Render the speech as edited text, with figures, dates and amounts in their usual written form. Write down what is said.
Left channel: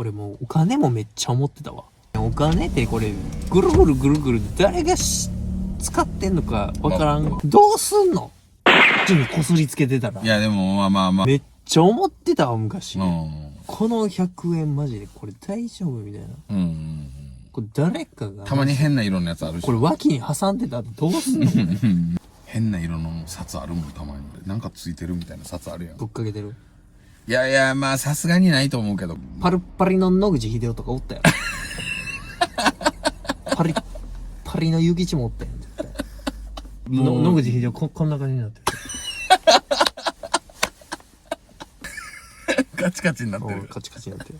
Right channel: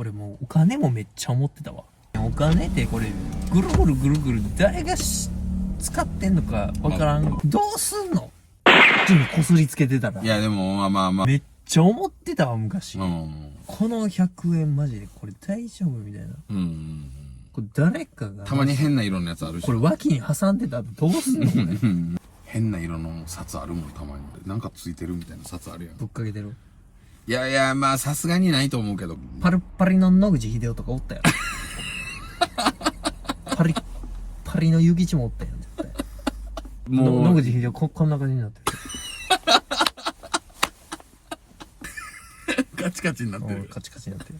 俺もうお金もめっちゃ思ってたわ。お金ってこれぐるぐるぐるぐる誰が使ってんのかわからん。どうすんの？こすりつけてたら。いやでもまあまあまあ。めっちゃ思ってたわ昔。うん。この100円マジでこれ大丈夫みたいな。うん。これ誰かが。たまに変な色のやつあるし。これ脇に挟んでたらどうすんの？変な色の札あるもんたまに。なんかついてるみたいな札あるやん。ぶっかけてる。いやいや、まあさすがにないと思うけど。パリッパリの野口英世とかおったよ。パリッパリの諭吉もおったよ。もう野口英世こんな感じになってる。カチカチになってる。カチカチになってる。